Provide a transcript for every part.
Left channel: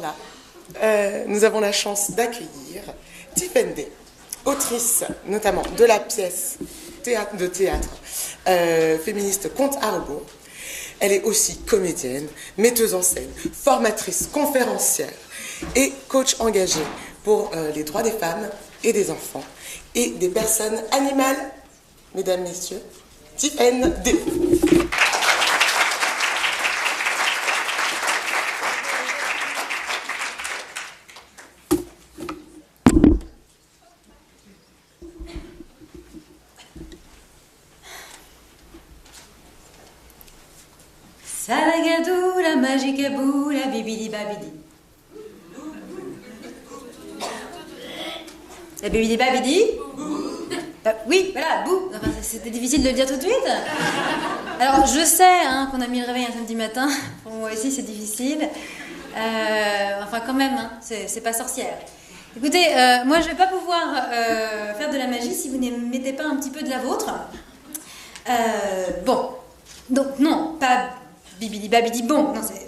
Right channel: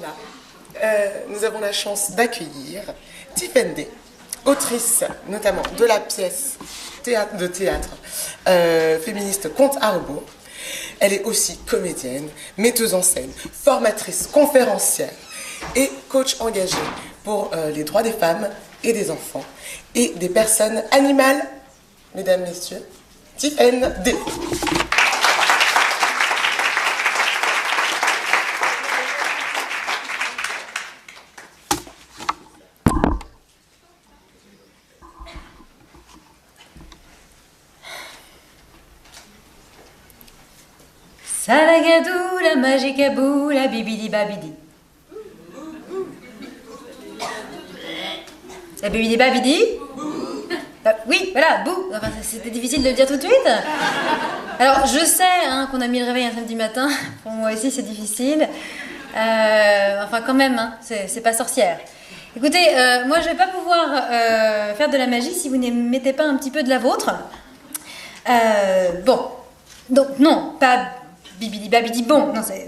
Là, nous avons la chance d'accueillir Tiffaine Day, autrice notamment de la pièce de théâtre féministe Compte à rebours. Elle est aussi comédienne, metteuse en scène, formatrice, conférencière et coach engagée pour les droits des femmes et des enfants et des personnes animales. Mesdames, Messieurs, Tiffaine Day. Salagadou, la magique à bout, la bibidi babidi. La bibidi babidi. Oui, voilà, bou. Enfin, c'était difficile de le dire tout de suite. Alors, je sais qu'on a mis le réveil un samedi matin. Pour moi aussi, c'est difficile. Enfin, quand même, c'est pas sorcière. Écoutez, moi, je vais pas pouvoir faire de la magie si vous ne mettez pas un petit peu de la vôtre. Bon. Donc, non, pas... Bibidi babidi bon, non c'est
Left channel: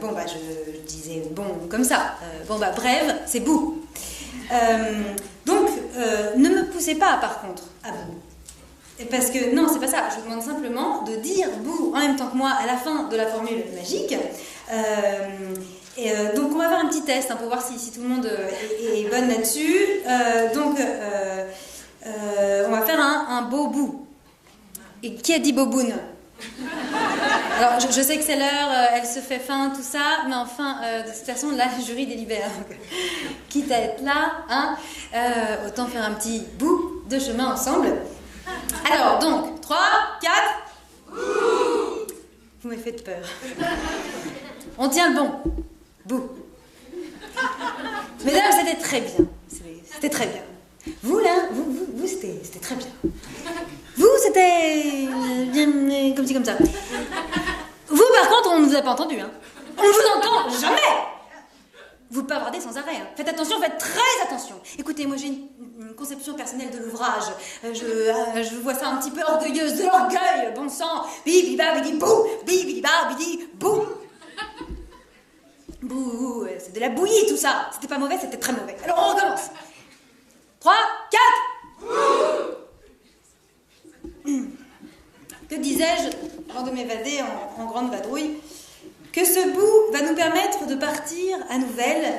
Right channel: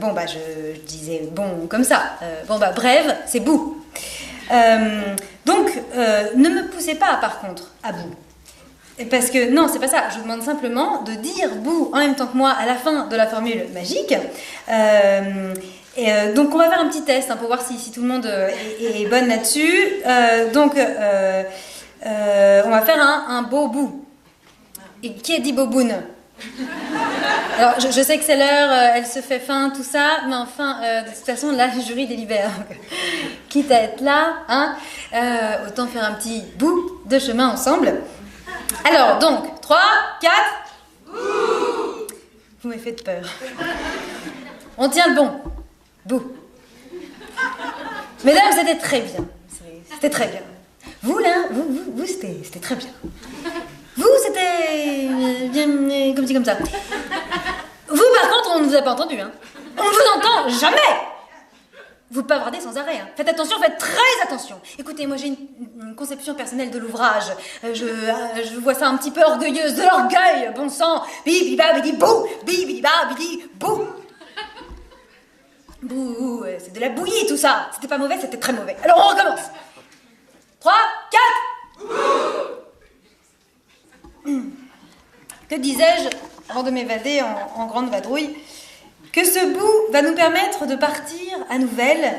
bon bah je disais bon comme ça. Bon bah bref, c'est bout. Donc ne me poussez pas par contre à bout. Parce que non, c'est pas ça. Je vous demande simplement de dire bout en même temps que moi à la fin de la formule magique. Donc on va faire un petit test pour voir si tout le monde est bonne là-dessus. Donc on va faire un beau bout. Et qui a dit boboune? Alors, je sais que c'est l'heure, elle se fait faim, tout ça, mais enfin, de toute façon, là, le jury délibère. Donc, quitte à être là, autant faire un petit bout de chemin ensemble. Alors, donc, 3, 4... Vous m'avez fait peur. On tient le bon. Bout. Mesdames, c'était très bien. C'était très bien. Vous, là, vous c'était très bien. Vous, c'était bien comme ça. Vous, par contre, on ne vous a pas entendu. On ne vous entend jamais. Vous bavardez sans arrêt. Faites attention, faites très attention. Écoutez, moi j'ai une conception personnelle de l'ouvrage. Je vois ça un petit peu orgueilleuse, de l'orgueil, bon sang. Bibidi babidi bou, bibidi babidi bou. Bouh, c'est de la bouillie tout ça. C'était pas mauvais, c'était très mauvais. Alors on recommence. 3, 4. Que disais-je avant de m'évader en grande vadrouille? Que ce bout va nous permettre de partir à nouvelle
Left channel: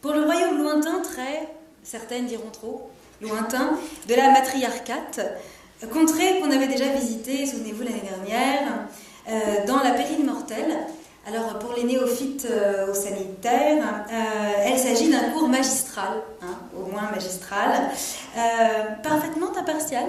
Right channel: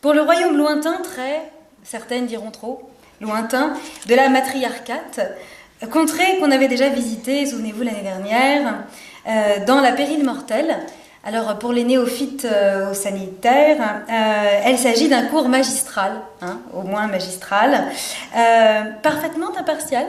pour le royaume lointain, très, certaines diront trop, lointain, de la matriarcate, contrée qu'on avait déjà visitée, souvenez-vous, l'année dernière, dans la pérille mortelle. Alors, pour les néophytes au sanitaire, il s'agit d'un cours magistral, au moins magistral, parfaitement impartial,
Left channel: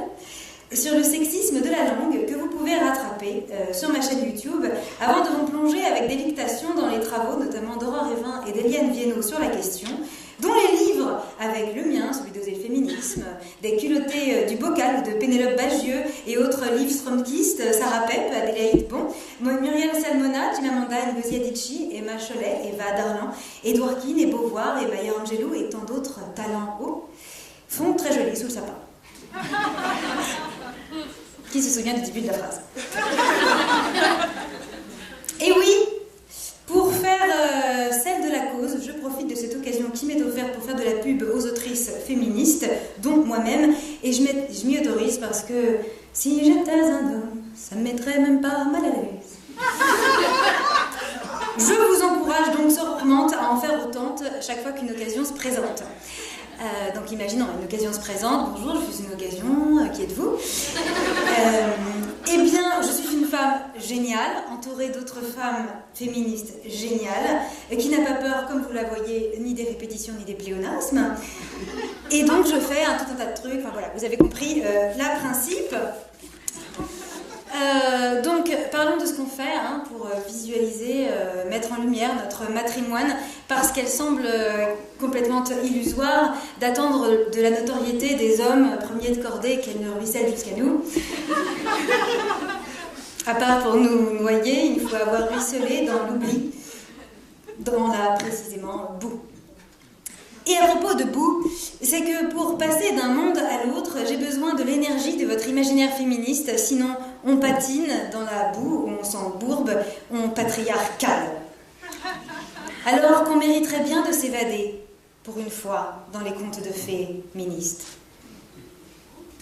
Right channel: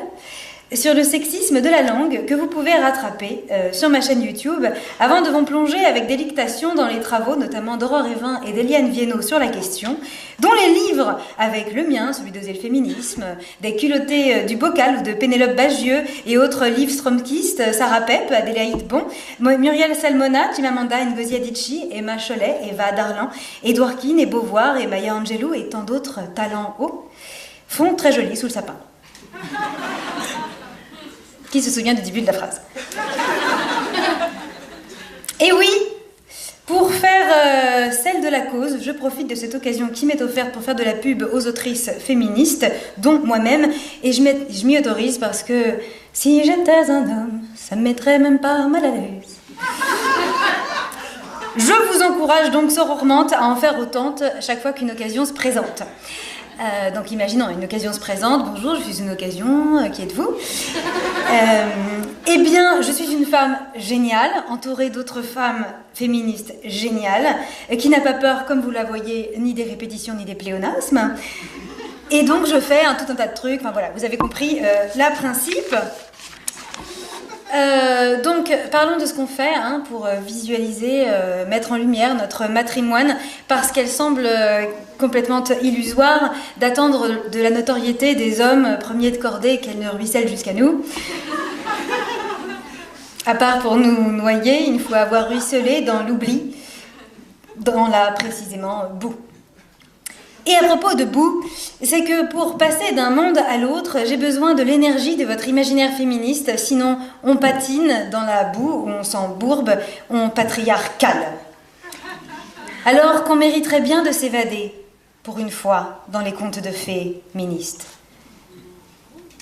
sur le sexisme de la langue que vous pouvez rattraper sur ma chaîne YouTube avant de vous plonger avec délectation dans les travaux notamment d'Aurore Evin et d'Eliane Viennot sur la question, dont les livres avec le mien, celui d'Oser le féminisme, des culottés du bocal ou de Pénélope Bagieux et autres livres stromkistes, Sarah Pep, Adélaïde Bon, Muriel Salmona, Chimamanda Ngozi Adichie, Emma Cholet, Eva Darlan, Édouard Keane et Beauvoir et Maya Angelou et tant d'autres talents hauts, font très joli sous le sapin. Qui se souvient du début de la phrase? Et oui, pour faire celle de la cause, je profite de cette occasion qui m'est offerte pour faire de la pub aux autrices féministes, dont moi-même, et je m'y autorise parce que si j'étais un homme, ça me mettrait même pas mal à l'aise. Je vous encourage donc sororement à en faire autant chaque fois qu'une occasion se présente. Donc imaginons, une occasion se présente, bonjour, je suis une occasion, qui êtes-vous? Eh bien, je suis une femme géniale, entourée d'autres femmes féministes géniales, qui n'a pas peur, comme vous la voyez, ni des répétitions, ni des pléonasmes. Et donc je fais tout un tas de trucs, enfin voilà, vous avez compris le principe. Donc, parlons de ce qu'on fait pour visualiser, mettre en lumière notre matrimoine, parce qu'elle semble complètement illusoire d'attendre de la notoriété des hommes premiers de cordée qu'elle ne ruisselle jusqu'à nous. À part pour nous noyer, il faut avoir ruisselé dans l'oubli, dans la précisément boue. Et à propos de boue, c'est que pour passer d'un monde à l'autre, j'ai besoin de l'énergie de votre imaginaire féministe, sinon on patine dans la boue, ou on s'embourbe, on patriarcale. Alors qu'on mériterait bien de s'évader, pour une fois, dans les contes de fées ministres.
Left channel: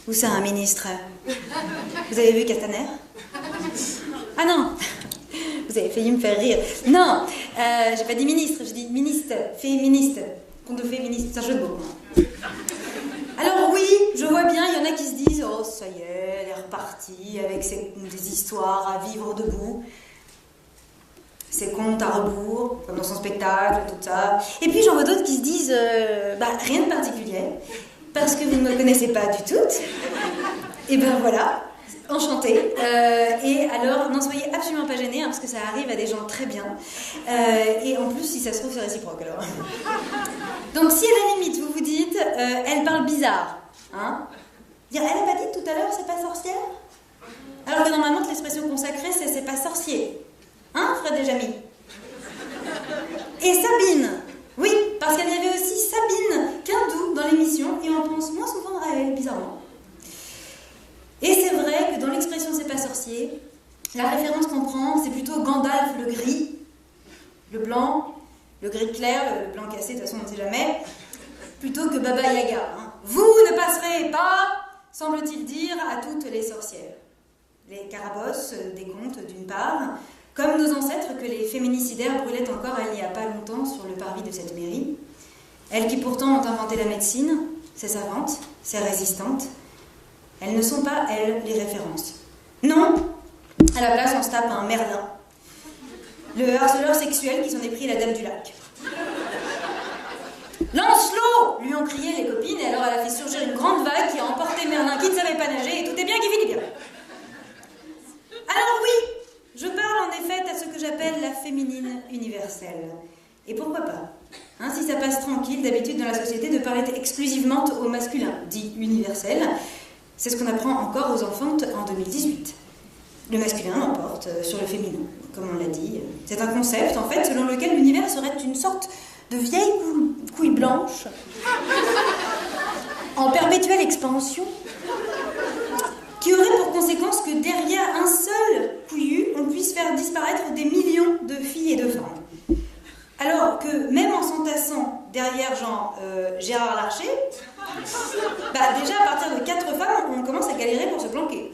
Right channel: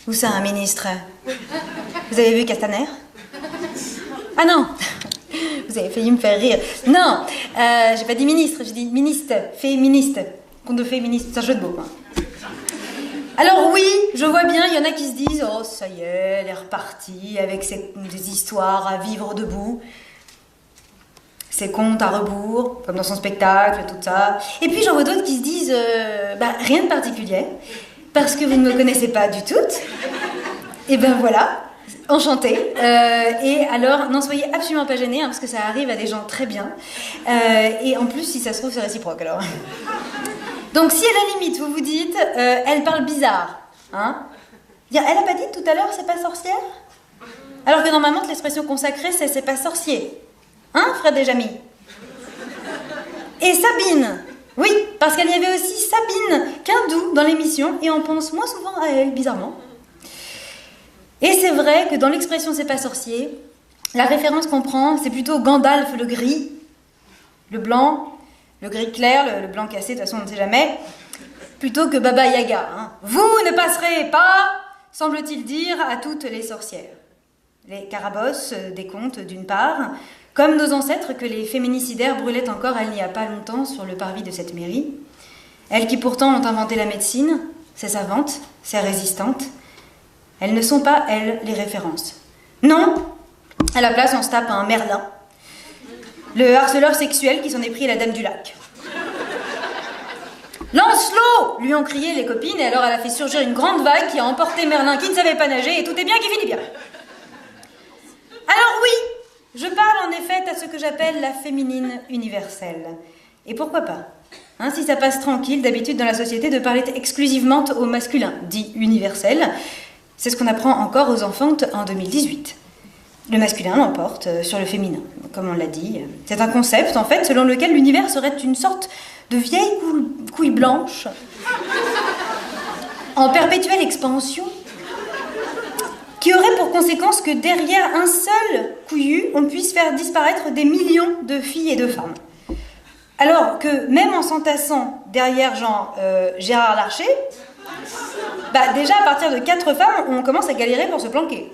Où ça, un ministre? Vous avez vu Castaner? Ah non, vous avez failli me faire rire. Non, j'ai pas dit ministre, j'ai dit ministre, féministe. Conte de féministe, c'est un jeu de mots. Hein. Alors oui, je vois bien, il y en a qui se disent « Oh, ça y est, elle est repartie avec des histoires à vivre debout. Ses contes à rebours, comme dans son spectacle, tout ça. » Et puis j'en vois d'autres qui se disent « Rien de particulier, parce que vous ne me connaissez pas du tout. » Et ben voilà, enchantée. Et alors, n'en soyez absolument pas gênés, hein, parce que ça arrive à des gens très bien. Et en plus, si ça se trouve, c'est réciproque alors. Donc si à la limite, vous vous dites, elle parle bizarre, hein, elle a pas dit tout à l'heure, c'est pas sorcière? Alors que normalement, l'expression consacrée, c'est pas sorcier. Hein, Fred et Jamy? Et Sabine, oui, parce qu'il y avait aussi Sabine Quindou dans l'émission, et on pense moins souvent à elle, bizarrement. Et c'est vrai que dans l'expression c'est pas sorcier, la référence qu'on prend, c'est plutôt Gandalf le gris, le blanc, le gris clair, le blanc cassé, de toute façon on ne sait jamais, plutôt que Baba Yaga. Hein. Vous ne passerez pas, semble-t-il dire, à toutes les sorcières. Les carabosses des contes, d'une part, comme nos ancêtres que les féminicidaires brûlaient encore il n'y a pas longtemps sur le parvis de cette mairie. Elles qui pourtant ont inventé la médecine, ces savantes, ces résistantes, elles ne sont pas, elles, les références. Non, à la place on se tape un Merlin. Le harceleur sexuel qui s'en est pris à la dame du lac. Lance-l'eau, lui ont crié les copines, et alors elle a fait surgir une grande vague qui a emporté Merlin qui ne savait pas nager, et tout est bien qui finit bien. Alors oui, je parle en effet à ce que j'appelle la féminine universelle. Et pourquoi pas, hein, si ça passe tranquille, d'habitude dans la société, de parler exclusivement au masculin, dit universel. C'est ce qu'on apprend encore aux enfantes en 2018. Le masculin l'emporte sur le féminin, comme on l'a dit. C'est un concept, en fait, selon lequel l'univers serait une sorte de vieille couille blanche, en perpétuelle expansion, qui aurait pour conséquence que derrière un seul couillu, on puisse faire disparaître des millions de filles et de femmes. Alors que même en s'entassant derrière Gérard Larcher, déjà à partir de 4 femmes, on commence à galérer pour se planquer.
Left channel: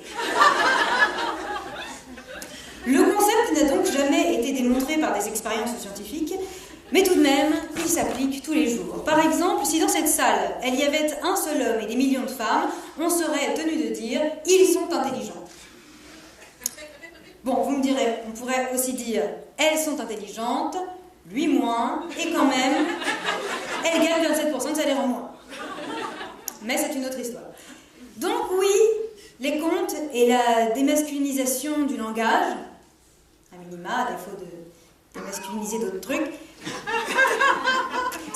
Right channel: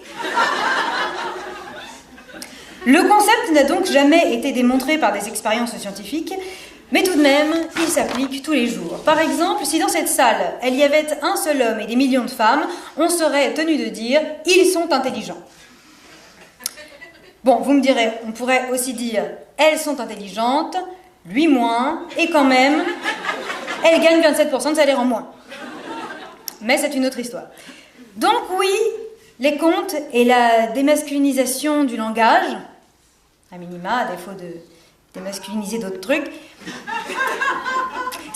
Le concept n'a donc jamais été démontré par des expériences scientifiques, mais tout de même, il s'applique tous les jours. Par exemple, si dans cette salle, il y avait un seul homme et des millions de femmes, on serait tenu de dire « ils sont intelligents ». Bon, vous me direz, on pourrait aussi dire « elles sont intelligentes », lui moins, et quand même, elle gagne 27% de salaire en moins. Mais c'est une autre histoire. Donc oui, les contes et la démasculinisation du langage, à minima, à défaut de démasculiniser d'autres trucs,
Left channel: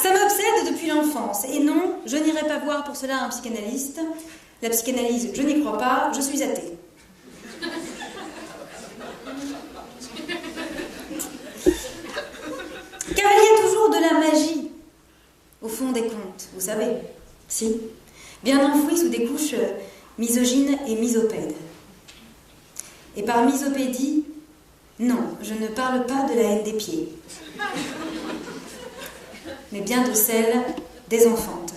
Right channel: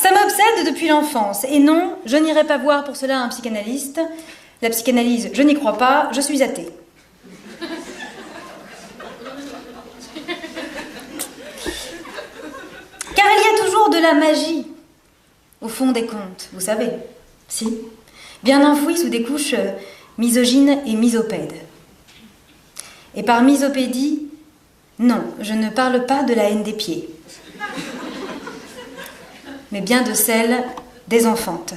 ça m'obsède depuis l'enfance. Et non, je n'irai pas voir pour cela un psychanalyste. La psychanalyse, je n'y crois pas, je suis athée. Car il y a toujours de la magie au fond des contes, vous savez. Si, bien enfouie sous des couches misogynes et misopèdes. Et par misopédie, non, je ne parle pas de la haine des pieds, mais bien de celle des enfantes.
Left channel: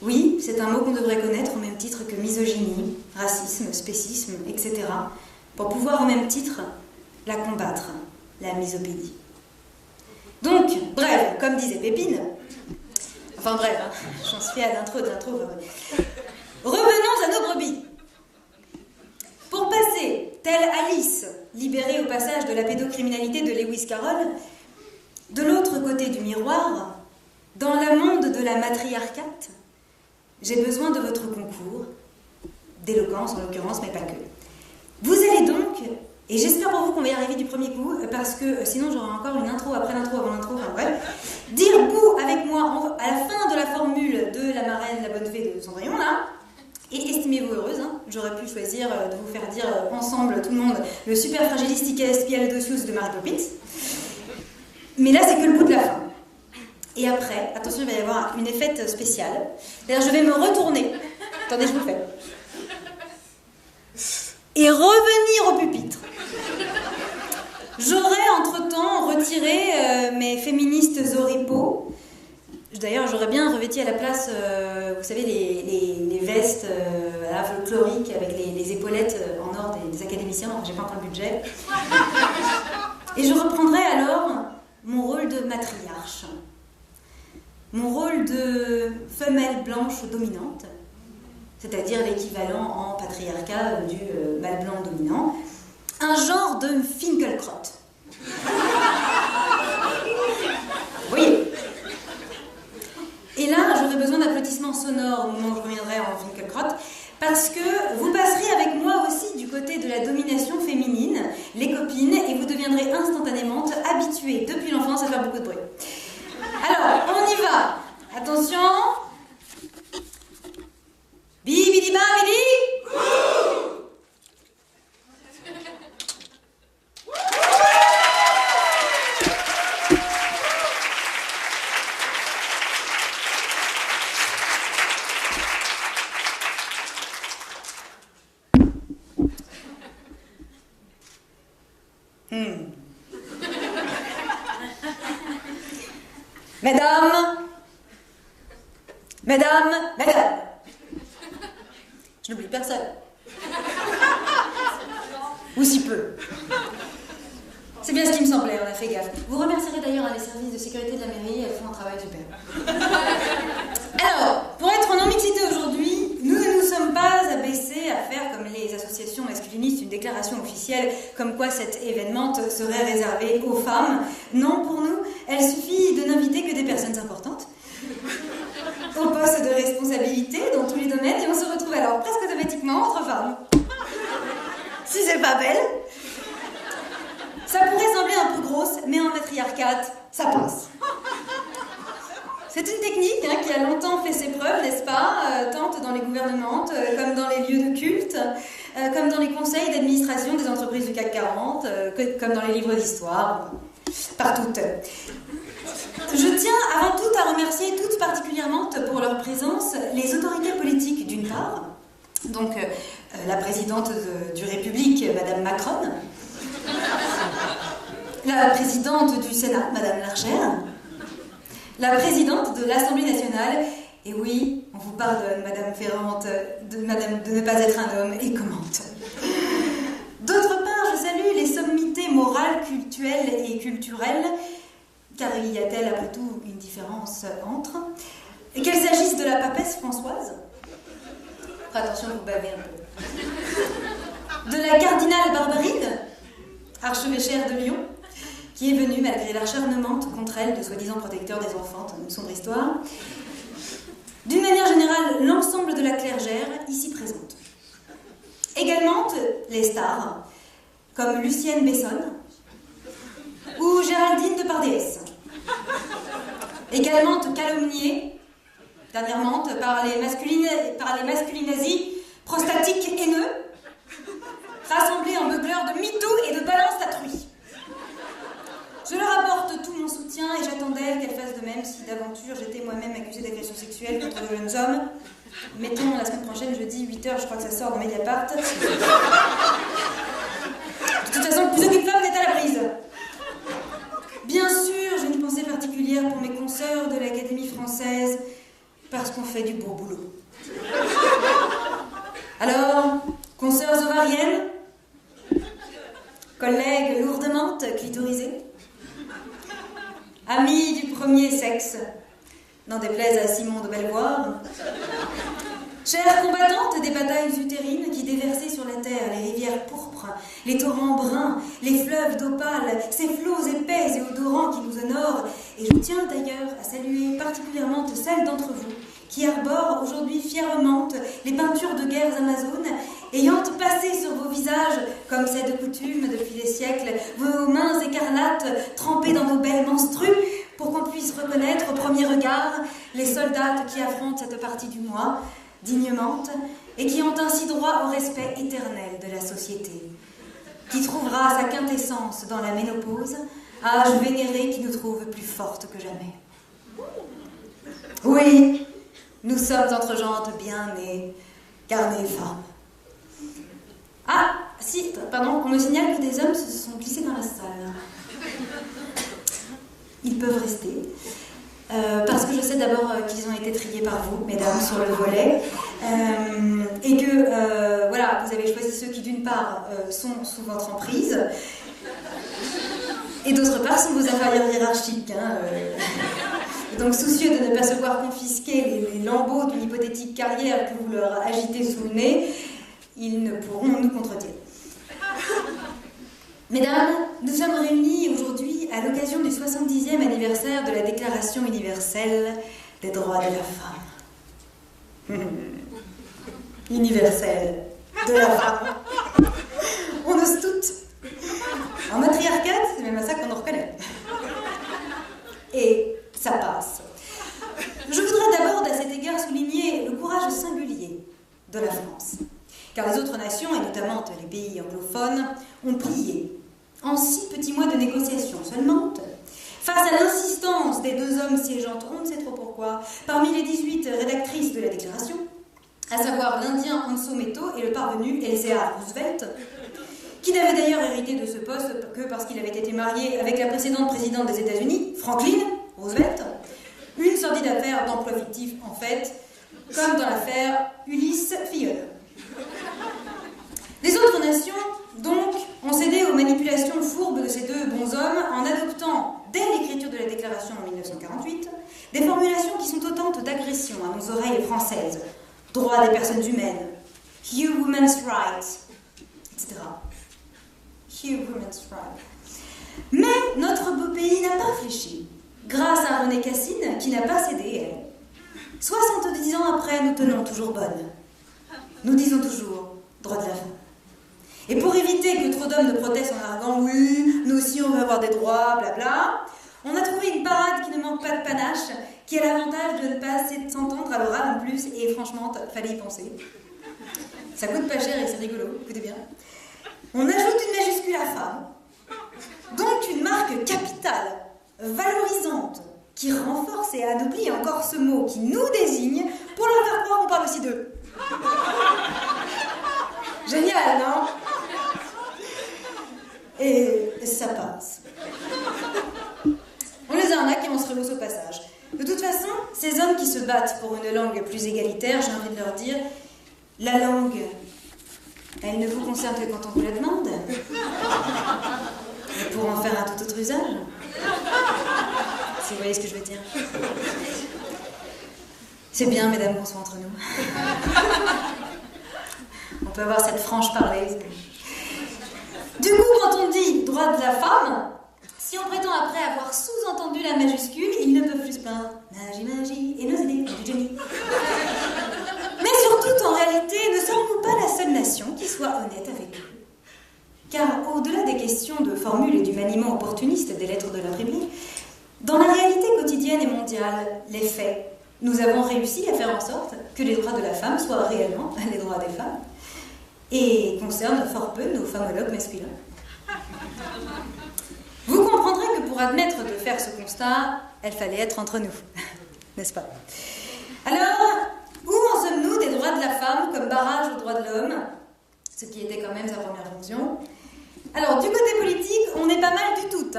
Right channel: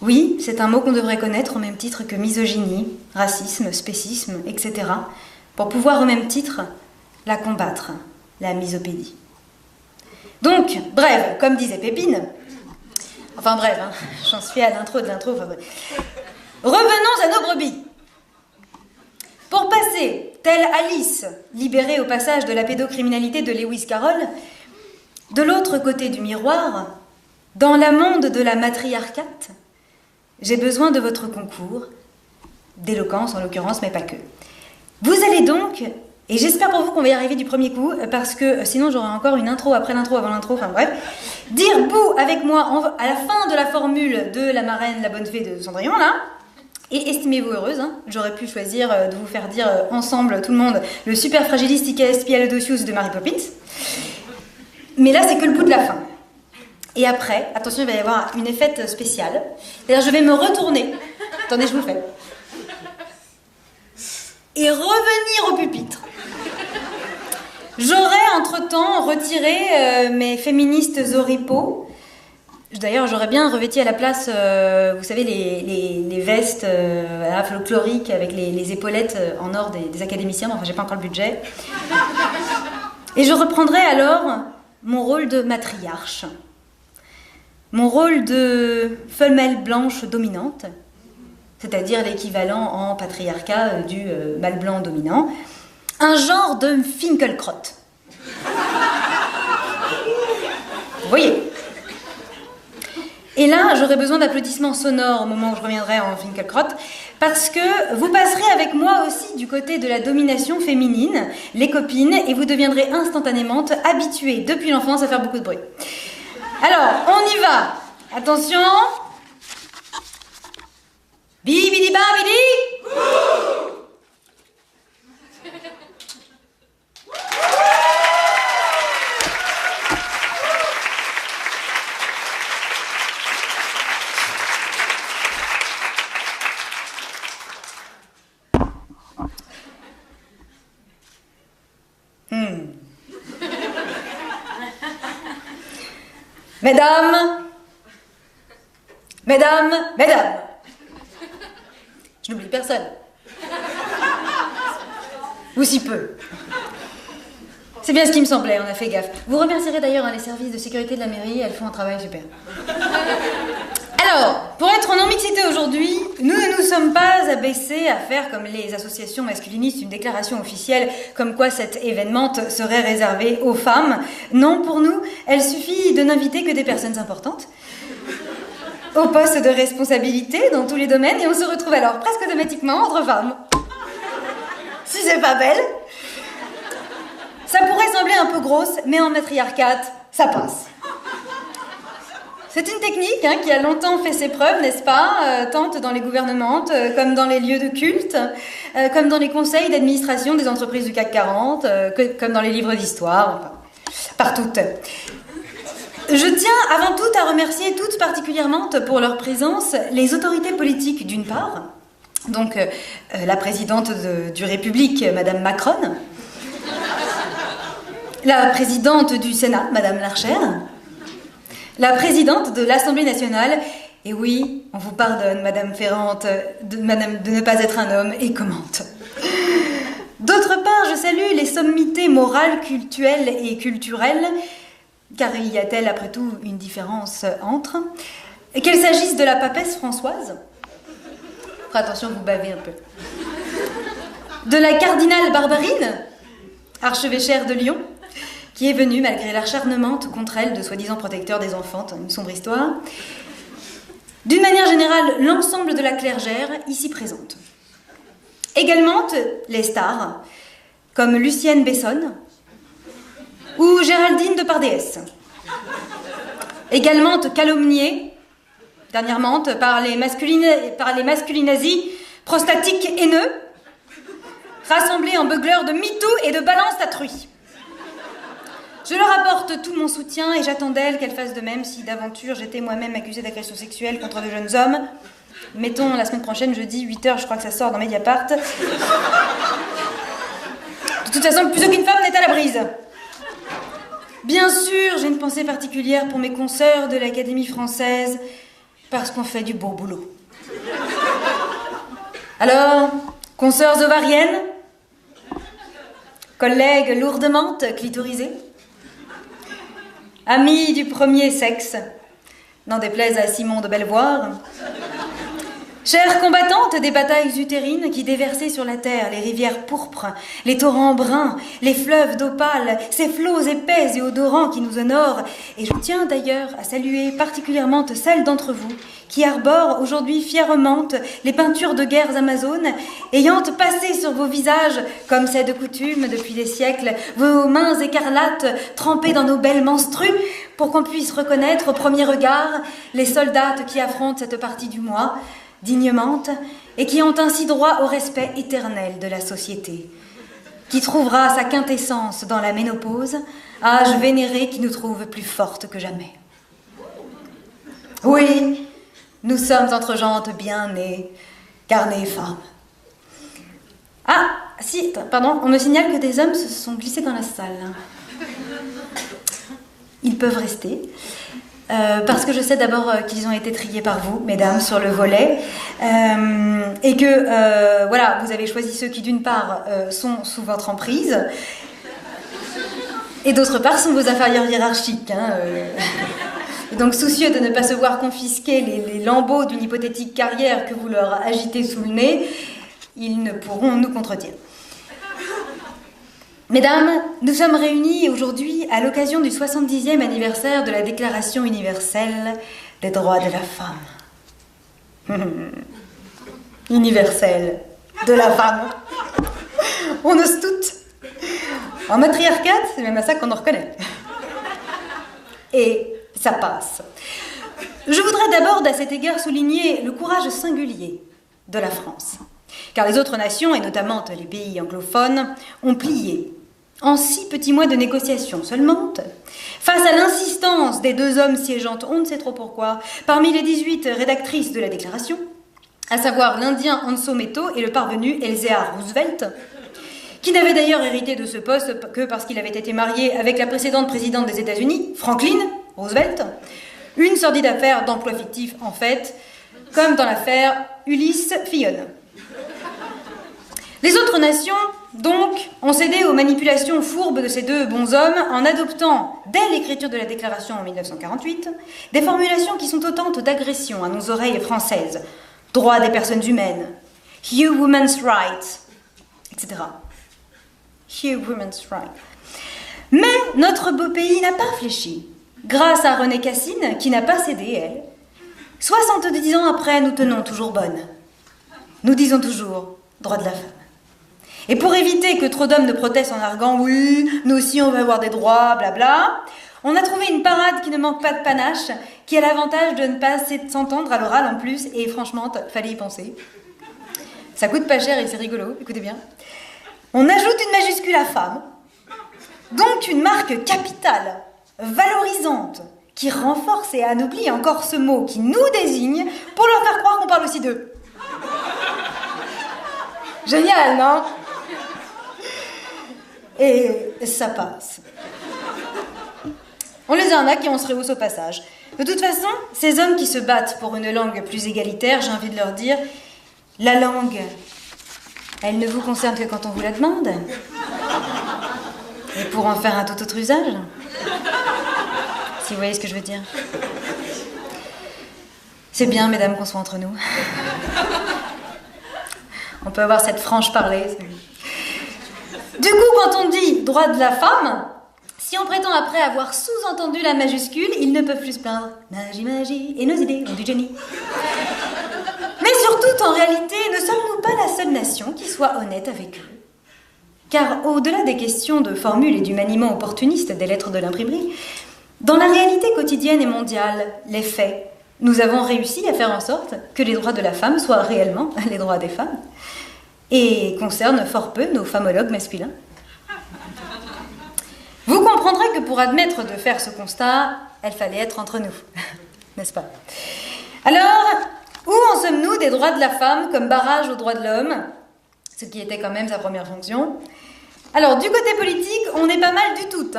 Oui, c'est un mot qu'on devrait connaître au même titre que misogynie, racisme, spécisme, etc., pour pouvoir au même titre la combattre, la misopédie. Donc, bref, comme disait Pépine, enfin bref, hein, j'en suis à l'intro de l'intro. Enfin, bref. Revenons à nos brebis. Pour passer, telle Alice, libérée au passage de la pédocriminalité de Lewis Carroll, de l'autre côté du miroir, dans la monde de la matriarcate, j'ai besoin de votre concours, d'éloquence en l'occurrence, mais pas que. Vous allez donc, et j'espère pour vous qu'on va y arriver du premier coup, parce que sinon j'aurai encore une intro après l'intro avant l'intro, enfin bref, dire bouh avec moi à la fin de la formule de la marraine, la bonne fée de Cendrillon, là, et estimez-vous heureuse, hein, j'aurais pu choisir de vous faire dire ensemble, tout le monde, le superfragilisticalespialodocius de Mary Poppins, mais là c'est que le bout de la fin. Et après, attention, il va y avoir une effette spéciale, c'est-à-dire je vais me retourner, attendez, je vous le fais, et revenir au pupitre J'aurais entre-temps retiré mes féministes oripeaux. D'ailleurs, j'aurais bien revêti à la place, vous savez, les vestes folkloriques avec les épaulettes en or des académiciens. Enfin, j'ai pas encore le budget. Et je reprendrai alors mon rôle de matriarche. Mon rôle de femelle blanche dominante, c'est-à-dire l'équivalent en patriarcat du mâle blanc dominant. Un genre de Finkielkraut. Vous voyez ? Et là, j'aurai besoin d'applaudissements sonores au moment où je reviendrai en Finkielkraut, parce que vous passerez avec moi aussi du côté de la domination féminine, les copines, et vous deviendrez instantanément habituées depuis l'enfance à faire beaucoup de bruit. Alors, on y va. Attention. Bibidi babidi. Mesdames, je n'oublie personne. Ou si peu. C'est bien ce qui me semblait, on a fait gaffe. Vous remercierez d'ailleurs les services de sécurité de la mairie, elles font un travail super. Alors, pour être en non-mixité aujourd'hui, nous ne nous sommes pas abaissés à faire comme les associations masculinistes une déclaration officielle comme quoi cet événement serait réservé aux femmes. Non, pour nous, il suffit de n'inviter que des personnes importantes au poste de responsabilité dans tous les domaines et on se retrouve alors presque automatiquement entre femmes. Si c'est pas belle. Ça pourrait sembler un peu grosse, mais en matriarcat, ça passe. C'est une technique qui a longtemps fait ses preuves, n'est-ce pas, tant dans les gouvernements, comme dans les lieux de culte, comme dans les conseils d'administration des entreprises du CAC 40, comme dans les livres d'histoire, enfin, partout. Je tiens avant tout à remercier toutes particulièrement pour leur présence les autorités politiques d'une part, donc la présidente du République, Madame Macron, la présidente du Sénat, Madame Larcher, la présidente de l'Assemblée nationale, et oui, on vous pardonne, Madame Ferrante, de ne pas être un homme, et commente. D'autre part, je salue les sommités morales, cultuelles et culturelles, car y a-t-elle après tout une différence entre, qu'elle s'agisse de la papesse Françoise, attention, vous bavez un peu, de la cardinale Barbarine, archevêchère de Lyon, qui est venue, malgré l'acharnement contre elle, de soi-disant protecteur des enfants, une sombre histoire. D'une manière générale, l'ensemble de la clergère ici présente. Également, les stars, comme Lucienne Bessonne ou Géraldine Depardieu. Également calomniée, dernièrement, par les masculinazis prostatiques haineux, rassemblés en beugleurs de MeToo et de balance à truie. Je leur apporte tout mon soutien et j'attends d'elles qu'elles fassent de même si d'aventure j'étais moi-même accusée d'agression sexuelle contre de jeunes hommes. Mettons la semaine prochaine, jeudi, 8h, je crois que ça sort dans Mediapart. De toute façon, plus aucune femme n'est à la brise. Bien sûr, j'ai une pensée particulière pour mes consoeurs de l'Académie française, parce qu'on fait du beau boulot. Alors, consoeurs ovariennes, collègues lourdement clitorisés, amis du premier sexe, n'en déplaise à Simon de Belvoir, chères combattantes des batailles utérines qui déversaient sur la terre les rivières pourpres, les torrents bruns, les fleuves d'opale, ces flots épais et odorants qui nous honorent. Et je tiens d'ailleurs à saluer particulièrement celles d'entre vous qui arborent aujourd'hui fièrement les peintures de guerres amazones, ayant passé sur vos visages, comme c'est de coutume depuis des siècles, vos mains écarlates trempées dans nos belles menstrues, pour qu'on puisse reconnaître au premier regard les soldates qui affrontent cette partie du mois, dignement, et qui ont ainsi droit au respect éternel de la société, qui trouvera sa quintessence dans la ménopause, âge vénéré qui nous trouve plus fortes que jamais. Oui, nous sommes entre gentes bien nées, car nées femmes. Ah, si, pardon, on me signale que des hommes se sont glissés dans la salle. Ils peuvent rester. Parce que je sais d'abord qu'ils ont été triés par vous, mesdames, sur le volet, et que, voilà, vous avez choisi ceux qui, d'une part, sont sous votre emprise, et d'autre part, sont vos inférieurs hiérarchiques. Et donc, soucieux de ne pas se voir confisquer les lambeaux d'une hypothétique carrière que vous leur agitez sous le nez, ils ne pourront nous contredire. Mesdames, nous sommes réunis aujourd'hui à l'occasion du 70e anniversaire de la Déclaration universelle des droits de la femme. Universelle de la femme. On ose toutes. En matriarcat, c'est même à ça qu'on nous reconnaît. Et ça passe. Je voudrais d'abord, à cet égard, souligner le courage singulier de la France. Car les autres nations, et notamment les pays anglophones, ont plié en 6 petits mois de négociations seulement, face à l'insistance des 2 hommes siégeant, on ne sait trop pourquoi, parmi les 18 rédactrices de la Déclaration, à savoir l'Indien Hanso Metto et le parvenu Eleazar Roosevelt, qui n'avait d'ailleurs hérité de ce poste que parce qu'il avait été marié avec la précédente présidente des États-Unis, Franklin Roosevelt, une sordide affaire d'emploi fictif en fait, comme dans l'affaire Ulysse Fillon. Les autres nations, donc, ont cédé aux manipulations fourbes de ces 2 bons hommes en adoptant, dès l'écriture de la Déclaration en 1948, des formulations qui sont autant d'agressions à nos oreilles françaises. Droits des personnes humaines, Hugh Women's Rights, etc. Hugh Women's Rights. Mais notre beau pays n'a pas fléchi, grâce à Renée Cassine, qui n'a pas cédé, elle. 70 ans après, nous tenons toujours bonne. Nous disons toujours droit de la femme. Et pour éviter que trop d'hommes ne protestent en arguant « oui, nous aussi on va avoir des droits, blabla », on a trouvé une parade qui ne manque pas de panache, qui a l'avantage de ne pas s'entendre à l'oral en plus, et franchement, fallait y penser. Ça coûte pas cher et c'est rigolo, écoutez bien. On ajoute une majuscule à femme, donc une marque capitale, valorisante, qui renforce et anoblit encore ce mot qui nous désigne pour leur faire croire qu'on parle aussi d'eux. Génial, non ? Et ça passe. On les arnaque et on se rehausse au passage. De toute façon, ces hommes qui se battent pour une langue plus égalitaire, j'ai envie de leur dire, la langue, elle ne vous concerne que quand on vous la demande. Et pour en faire un tout autre usage. Si vous voyez ce que je veux dire. C'est bien, mesdames, qu'on soit entre nous. On peut avoir cette franche parler. Du coup, quand on dit droit de la femme, si on prétend après avoir sous-entendu la majuscule, ils ne peuvent plus se plaindre. Magie, magie, et nos idées ont du génie. Mais surtout, en réalité, ne sommes-nous pas la seule nation qui soit honnête avec eux ? Car au-delà des questions de formules et du maniement opportuniste des lettres de l'imprimerie, dans la réalité quotidienne et mondiale, les faits, nous avons réussi à faire en sorte que les droits de la femme soient réellement les droits des femmes et concernent fort peu nos femologues masculins. Vous comprendrez que pour admettre de faire ce constat, il fallait être entre nous, n'est-ce pas ? Alors, où en sommes-nous des droits de la femme comme barrage aux droits de l'homme, ce qui était quand même sa première fonction ? Alors, du côté politique, on est pas mal du tout,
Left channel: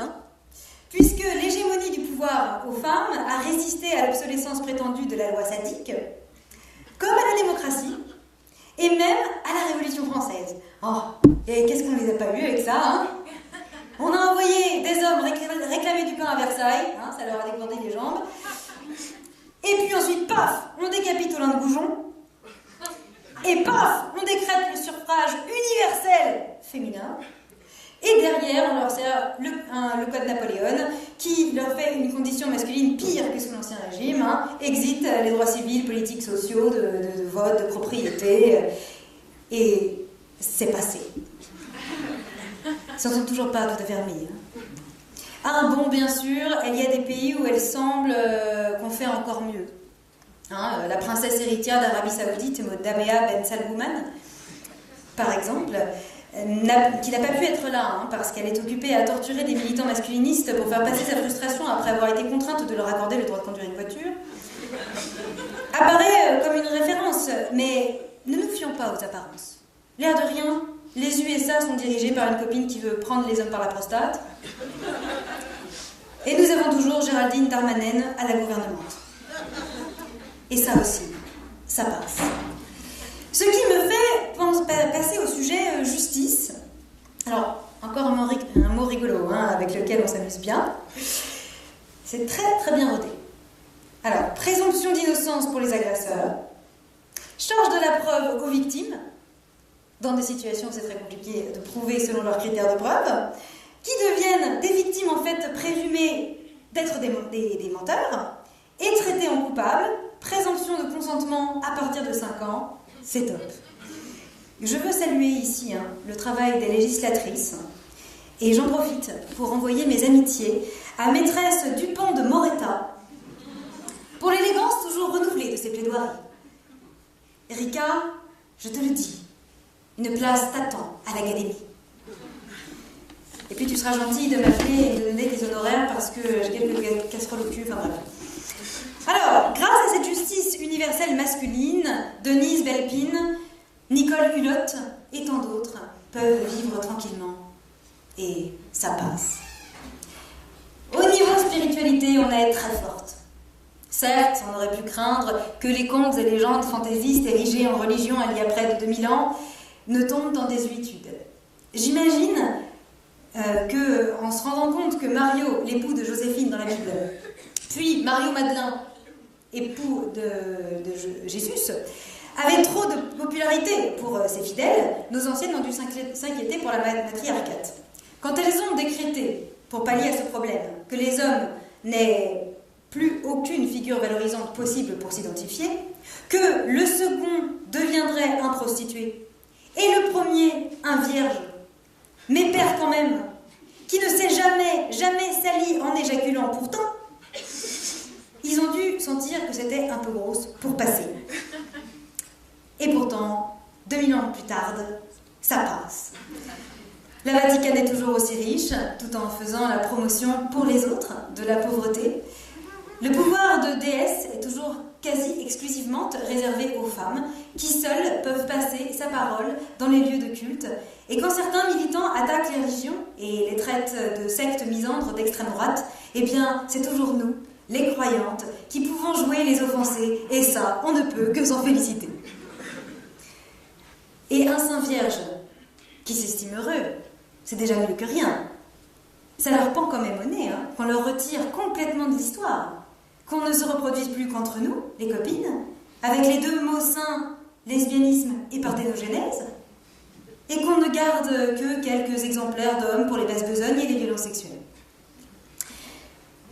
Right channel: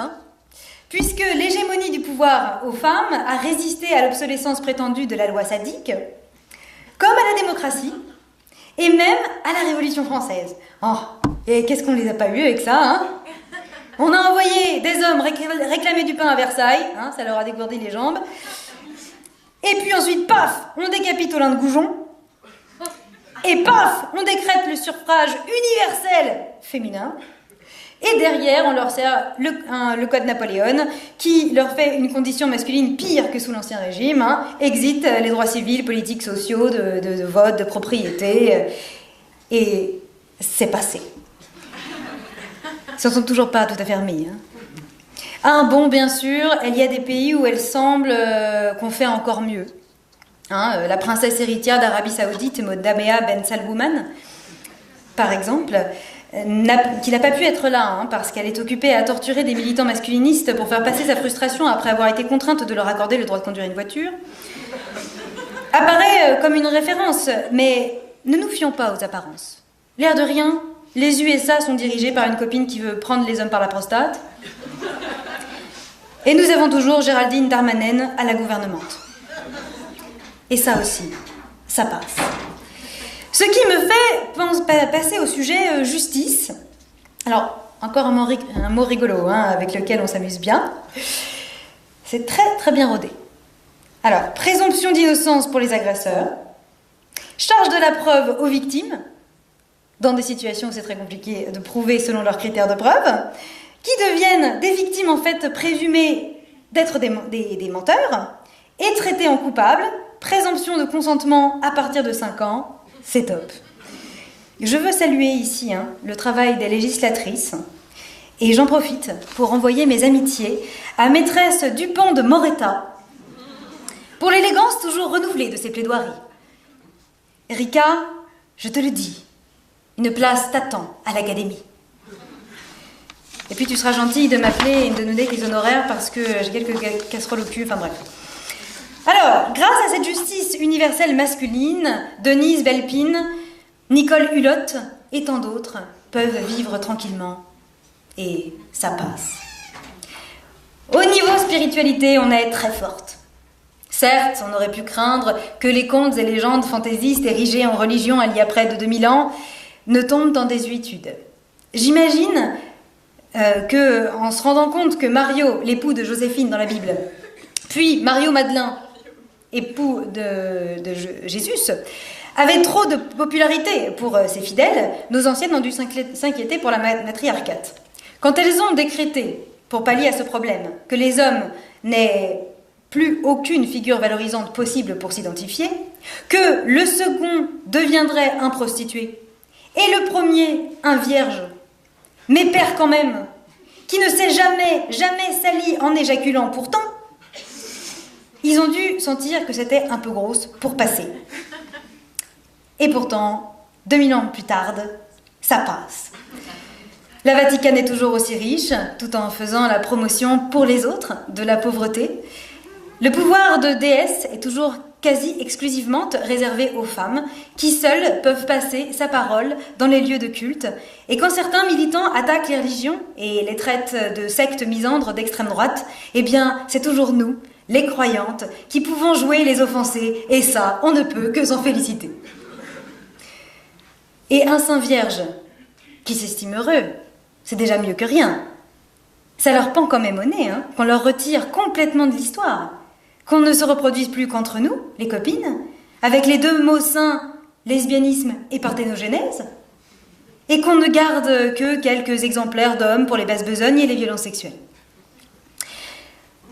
puisque l'hégémonie du pouvoir aux femmes a résisté à l'obsolescence prétendue de la loi sadique, comme à la démocratie, et même à la Révolution française. Oh, et qu'est-ce qu'on les a pas eus avec ça, On a envoyé des hommes réclamer du pain à Versailles, ça leur a dégourdi les jambes, et puis ensuite, paf, on décapite Olin de Goujon, et paf, on décrète le suffrage universel féminin, et derrière, on leur sert le code Napoléon, qui leur fait une condition masculine pire que sous l'Ancien Régime, exit les droits civils, politiques, sociaux, de vote, de propriété, et c'est passé. Ils n'en sont toujours pas tout à fait remis. Bon, bien sûr, il y a des pays où elle semble qu'on fait encore mieux. La princesse héritière d'Arabie Saoudite, Damea Ben Salgouman, par exemple, qui n'a pas pu être là, parce qu'elle est occupée à torturer des militants masculinistes pour faire passer sa frustration après avoir été contrainte de leur accorder le droit de conduire une voiture, apparaît comme une référence, mais ne nous fions pas aux apparences. L'air de rien, les USA sont dirigés par une copine qui veut prendre les hommes par la prostate. Et nous avons toujours Géraldine Darmanin à la gouvernemente. Et ça aussi, ça passe. Ce qui me fait passer au sujet justice. Alors, encore un mot rigolo, avec lequel on s'amuse bien. C'est très très bien rodé. Alors, présomption d'innocence pour les agresseurs, charge de la preuve aux victimes, dans des situations où c'est très compliqué de prouver selon leurs critères de preuve, qui deviennent des victimes en fait présumées d'être des menteurs, et traitées en coupables, présomption de consentement à partir de 5 ans, c'est top. Je veux saluer ici le travail des législatrices, et j'en profite pour envoyer mes amitiés à maîtresse Dupont de Moretta, pour l'élégance toujours renouvelée de ses plaidoiries. Erika, je te le dis, une place t'attend à l'Académie. Et puis tu seras gentille de m'appeler et de donner tes honoraires parce que j'ai quelques casseroles au cul, enfin bref. Alors, grâce à cette justice universelle masculine, Denise Belpine, Nicole Hulot et tant d'autres peuvent vivre tranquillement. Et ça passe. Au niveau spiritualité, on est très forte. Certes, on aurait pu craindre que les contes et légendes fantaisistes érigés en religion il y a près de 2000 ans ne tombent en désuétude. J'imagine que, en se rendant compte que Mario, l'époux de Joséphine dans la Bible, puis Mario Madeleine, époux de Jésus, avait trop de popularité pour ses fidèles, nos anciennes ont dû s'inquiéter pour la matriarcate. Quand elles ont décrété, pour pallier à ce problème, que les hommes n'aient plus aucune figure valorisante possible pour s'identifier, que le second deviendrait un prostitué, et le premier un vierge, mais père quand même, qui ne s'est jamais sali en éjaculant pourtant, ils ont dû sentir que c'était un peu grosse pour passer. Et pourtant, 2000 ans plus tard, ça passe. La Vatican est toujours aussi riche, tout en faisant la promotion pour les autres de la pauvreté. Le pouvoir de déesse est toujours quasi exclusivement réservé aux femmes, qui seules peuvent passer sa parole dans les lieux de culte. Et quand certains militants attaquent les religions et les traitent de sectes misandres d'extrême droite, eh bien, c'est toujours nous, les croyantes, qui pouvons jouer les offensés, et ça, on ne peut que s'en féliciter. Et un saint vierge qui s'estime heureux, c'est déjà mieux que rien. Ça leur pend quand même au nez, qu'on leur retire complètement de l'histoire, qu'on ne se reproduise plus qu'entre nous, les copines, avec les deux mots saints, lesbianisme et parthénogenèse, et qu'on ne garde que quelques exemplaires d'hommes pour les basses besognes et les violences sexuelles.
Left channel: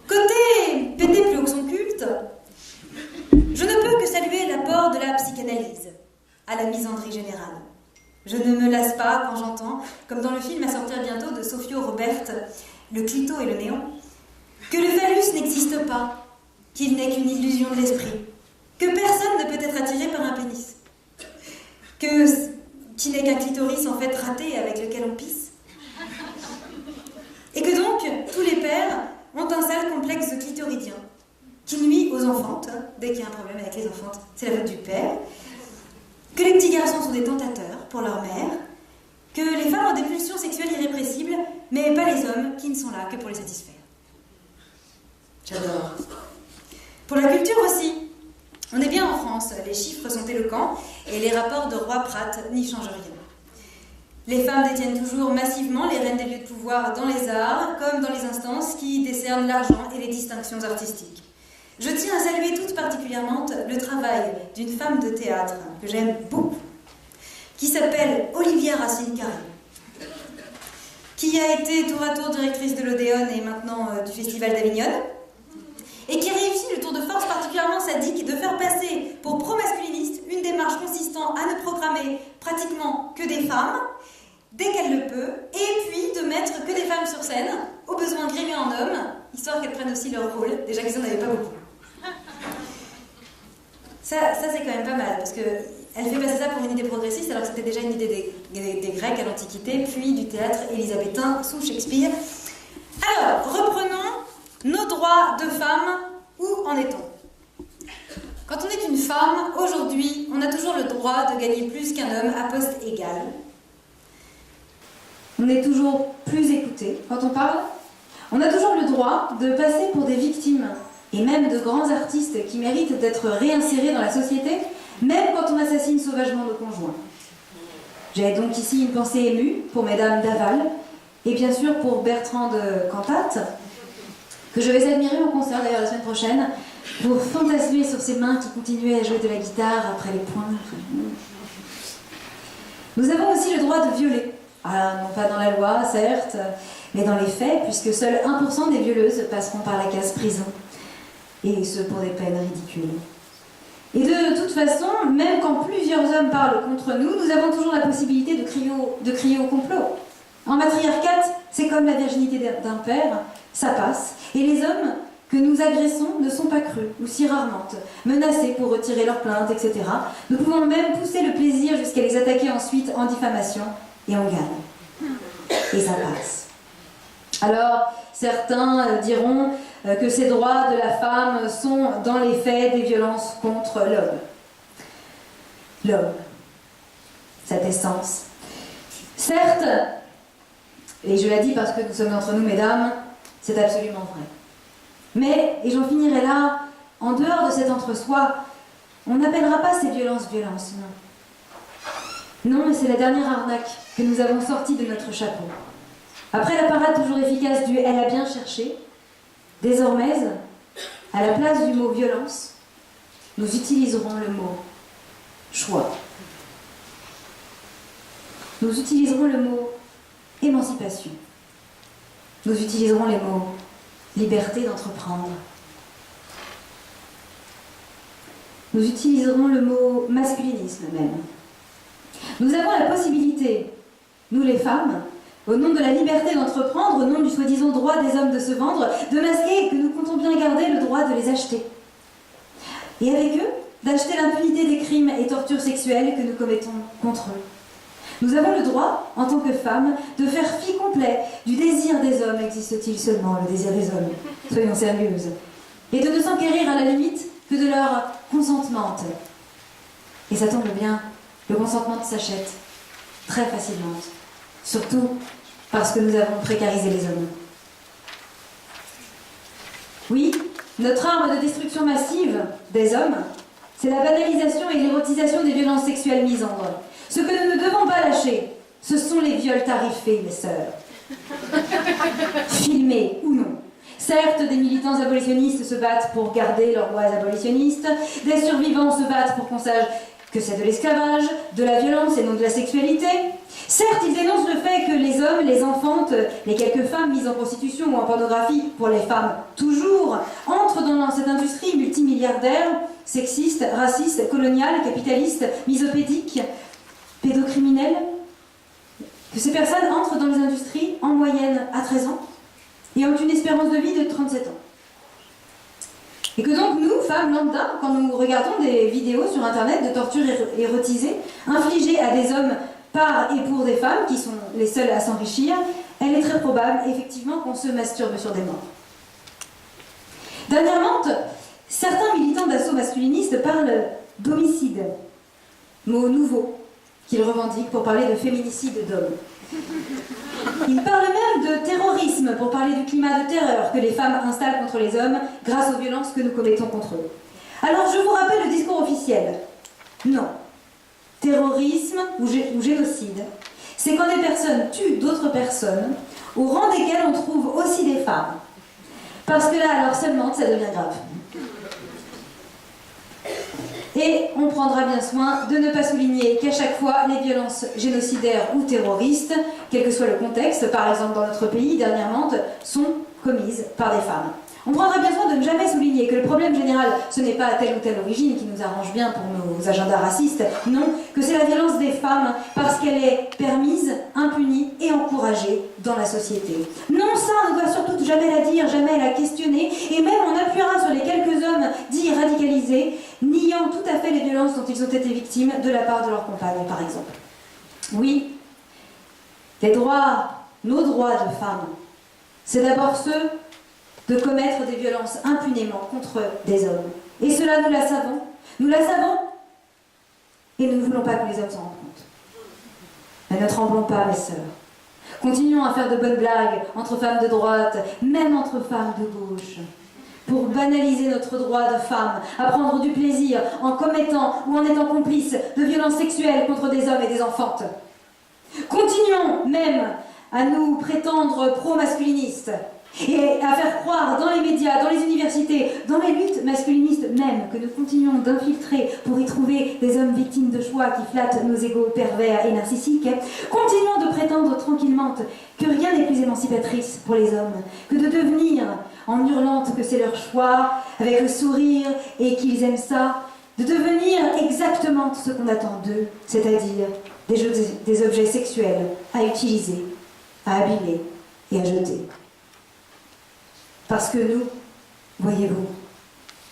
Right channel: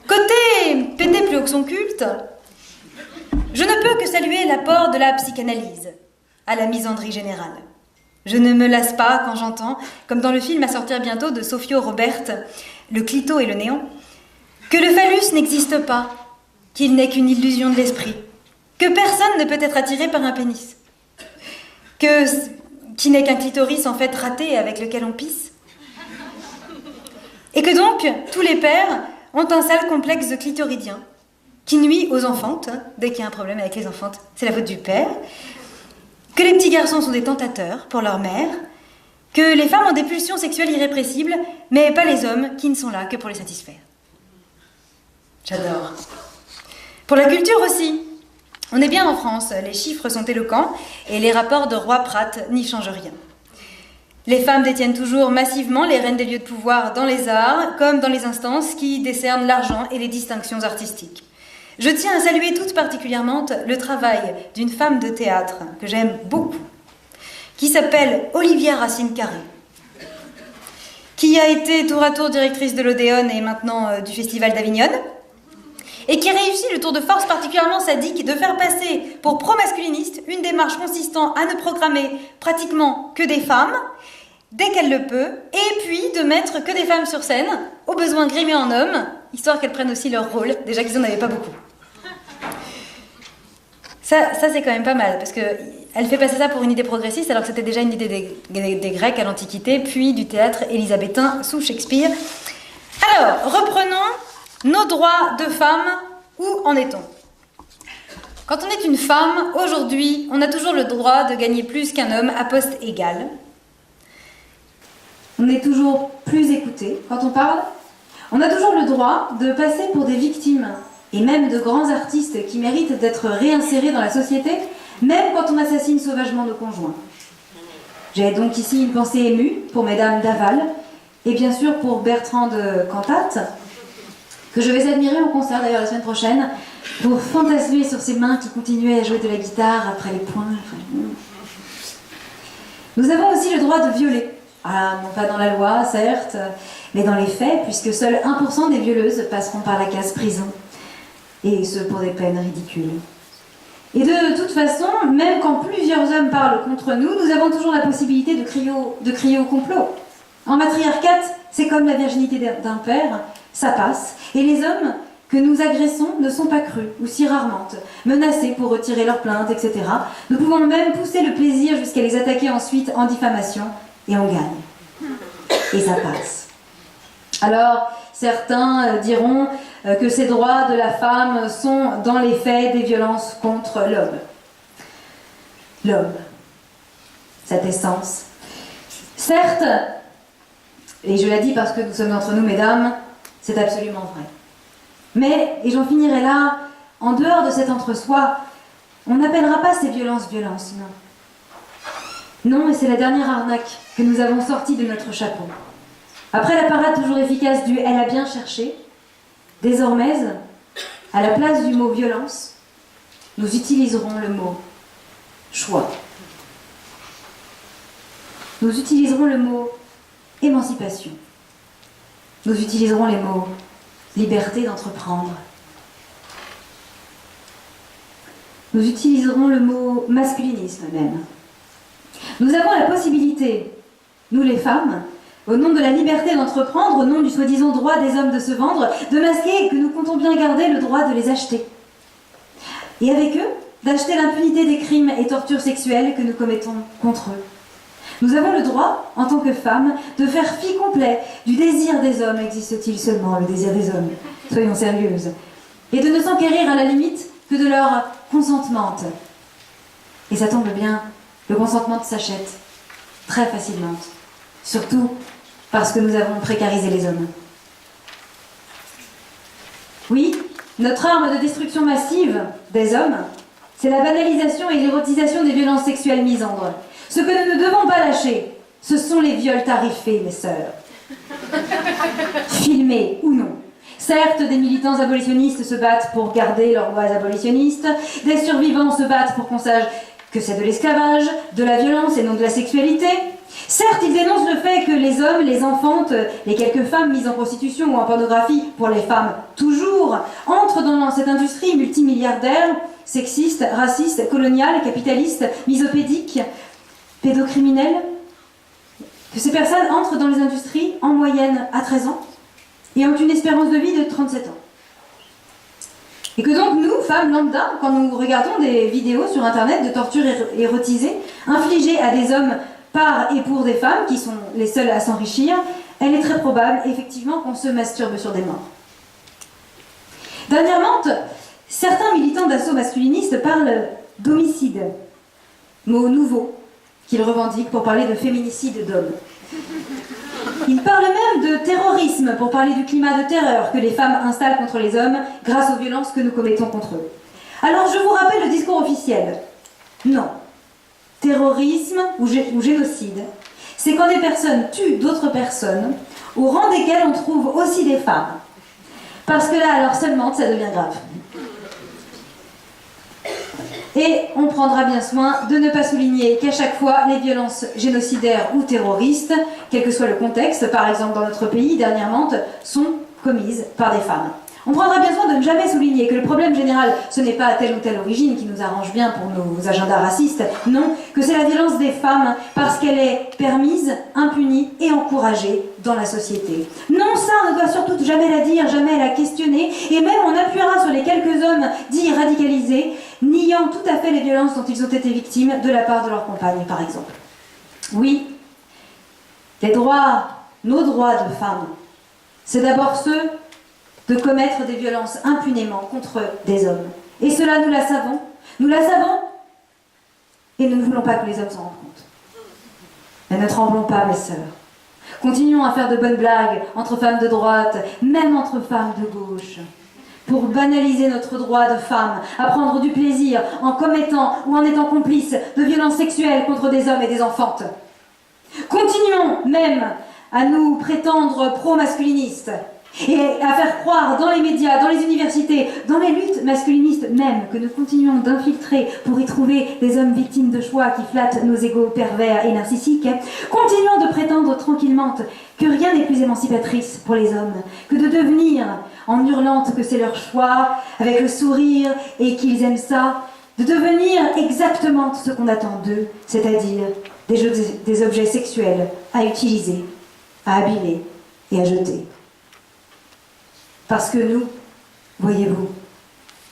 Côté péter plus haut que son culte, je ne peux que saluer l'apport de la psychanalyse à la misandrie générale. Je ne me lasse pas quand j'entends, comme dans le film à sortir bientôt de Sofio Robert, Le clito et le néant, que le phallus n'existe pas, qu'il n'est qu'une illusion de l'esprit, que personne ne peut être attiré par un pénis, qui n'est qu'un clitoris en fait raté avec lequel on pisse, et que donc tous les pères ont un sale complexe clitoridien qui nuit aux enfantes. Dès qu'il y a un problème avec les enfantes, c'est la faute du père. Que les petits garçons sont des tentateurs pour leur mère, que les femmes ont des pulsions sexuelles irrépressibles, mais pas les hommes qui ne sont là que pour les satisfaire. J'adore. Pour la culture aussi. On est bien en France, les chiffres sont éloquents et les rapports de Roy-Pratt n'y changent rien. Les femmes détiennent toujours massivement les rênes des lieux de pouvoir dans les arts, comme dans les instances qui décernent l'argent et les distinctions artistiques. Je tiens à saluer tout particulièrement le travail d'une femme de théâtre que j'aime beaucoup, qui s'appelle Olivia Racine-Carré, qui a été tour à tour directrice de l'Odéon et maintenant du Festival d'Avignon, et qui réussit le tour de force particulièrement sadique de faire passer pour pro-masculiniste une démarche consistant à ne programmer pratiquement que des femmes, dès qu'elle le peut, et puis de mettre que des femmes sur scène, au besoin grimées en hommes, histoire qu'elles prennent aussi leur rôle, déjà qu'ils n'en avaient pas beaucoup. Ça c'est quand même pas mal, parce qu'elle fait passer ça pour une idée progressiste, alors que c'était déjà une idée des Grecs à l'Antiquité, puis du théâtre élisabétain sous Shakespeare. Alors, reprenons nos droits de femmes, où en est-on ? Quand on est une femme, aujourd'hui, on a toujours le droit de gagner plus qu'un homme à poste égal. On est toujours plus écouté quand on parle. On a toujours le droit de passer pour des victimes et même de grands artistes qui méritent d'être réinsérés dans la société, même quand on assassine sauvagement nos conjoints. J'ai donc ici une pensée émue pour mesdames Daval et bien sûr pour Bertrand de Cantate, que je vais admirer en concert d'ailleurs la semaine prochaine, pour fantasmer sur ses mains qui continuaient à jouer de la guitare après les poings. Nous avons aussi le droit de violer. Ah, non pas dans la loi, certes, mais dans les faits, puisque seuls 1% des violeuses passeront par la case prison. Et ce pour des peines ridicules. Et de toute façon, même quand plusieurs hommes parlent contre nous, nous avons toujours la possibilité de crier au complot. En matriarcat, c'est comme la virginité d'un père, ça passe. Et les hommes que nous agressons ne sont pas crus, ou si rarement, menacés pour retirer leurs plaintes, etc. Nous pouvons même pousser le plaisir jusqu'à les attaquer ensuite en diffamation, et on gagne. Et ça passe. Alors, certains diront que ces droits de la femme sont, dans les faits, des violences contre l'homme. L'homme, cette essence. Certes, et je l'ai dit parce que nous sommes entre nous, mesdames, c'est absolument vrai. Mais, et j'en finirai là, en dehors de cet entre-soi, on n'appellera pas ces violences violences, non. Non, mais c'est la dernière arnaque que nous avons sortie de notre chapeau. Après la parade toujours efficace du « elle a bien cherché », désormais, à la place du mot « violence », nous utiliserons le mot « choix ». Nous utiliserons le mot « émancipation ». Nous utiliserons les mots « liberté d'entreprendre ». Nous utiliserons le mot « masculinisme » même. Nous avons la possibilité, nous les femmes, au nom de la liberté d'entreprendre, au nom du soi-disant droit des hommes de se vendre, de masquer que nous comptons bien garder le droit de les acheter. Et avec eux, d'acheter l'impunité des crimes et tortures sexuelles que nous commettons contre eux. Nous avons le droit, en tant que femmes, de faire fi complet du désir des hommes. Existe-t-il seulement le désir des hommes? Soyons sérieuses. Et de ne s'enquérir à la limite que de leur consentement. Et ça tombe bien, le consentement s'achète très facilement. Surtout parce que nous avons précarisé les hommes. Oui, notre arme de destruction massive des hommes, c'est la banalisation et l'érotisation des violences sexuelles misandres. Ce que nous ne devons pas lâcher, ce sont les viols tarifés, mes sœurs. Filmés ou non. Certes, des militants abolitionnistes se battent pour garder leurs lois abolitionnistes, des survivants se battent pour qu'on sache que c'est de l'esclavage, de la violence et non de la sexualité. Certes, ils dénoncent le fait que les hommes, les enfantes, les quelques femmes mises en prostitution ou en pornographie, pour les femmes toujours, entrent dans cette industrie multimilliardaire, sexiste, raciste, coloniale, capitaliste, misopédique, pédocriminelle, que ces personnes entrent dans les industries en moyenne à 13 ans et ont une espérance de vie de 37 ans. Et que donc nous, femmes lambda, quand nous regardons des vidéos sur internet de torture érotisée infligées à des hommes par et pour des femmes qui sont les seules à s'enrichir, elle est très probable effectivement qu'on se masturbe sur des morts. Dernièrement, certains militants d'assaut masculiniste parlent d'homicide, mot nouveau qu'ils revendiquent pour parler de féminicide d'hommes. Ils parlent même de terrorisme pour parler du climat de terreur que les femmes installent contre les hommes grâce aux violences que nous commettons contre eux. Alors je vous rappelle le discours officiel. Non. Terrorisme ou génocide, c'est quand des personnes tuent d'autres personnes, au rang desquelles on trouve aussi des femmes. Parce que là, alors seulement, ça devient grave. Et on prendra bien soin de ne pas souligner qu'à chaque fois, les violences génocidaires ou terroristes, quel que soit le contexte, par exemple dans notre pays, dernièrement, sont commises par des femmes. On prendra bien soin de ne jamais souligner que le problème général, ce n'est pas telle ou telle origine qui nous arrange bien pour nos agendas racistes, non, que c'est la violence des femmes parce qu'elle est permise, impunie et encouragée dans la société. Non, ça, on ne doit surtout jamais la dire, jamais la questionner, et même on appuiera sur les quelques hommes dits radicalisés, niant tout à fait les violences dont ils ont été victimes de la part de leurs compagnes, par exemple. Oui, les droits, nos droits de femmes, c'est d'abord ceux de commettre des violences impunément contre des hommes. Et cela, nous la savons, et nous ne voulons pas que les hommes s'en rendent compte. Mais ne tremblons pas, mes sœurs. Continuons à faire de bonnes blagues entre femmes de droite, même entre femmes de gauche. Pour banaliser notre droit de femme à prendre du plaisir en commettant ou en étant complice de violences sexuelles contre des hommes et des enfantes. Continuons même à nous prétendre pro-masculinistes et à faire croire dans les médias, dans les universités, dans les luttes masculinistes même, que nous continuons d'infiltrer pour y trouver des hommes victimes de choix qui flattent nos égos pervers et narcissiques. Continuons de prétendre tranquillement que rien n'est plus émancipatrice pour les hommes que de devenir, en hurlant que c'est leur choix, avec le sourire et qu'ils aiment ça, de devenir exactement ce qu'on attend d'eux, c'est-à-dire des objets sexuels à utiliser, à abîmer et à jeter. Parce que nous, voyez-vous,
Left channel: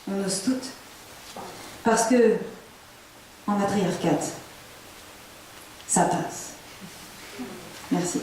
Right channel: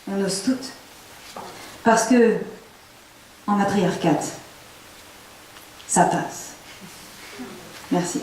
on ose toutes. Parce que, en matriarcat, ça passe. Merci.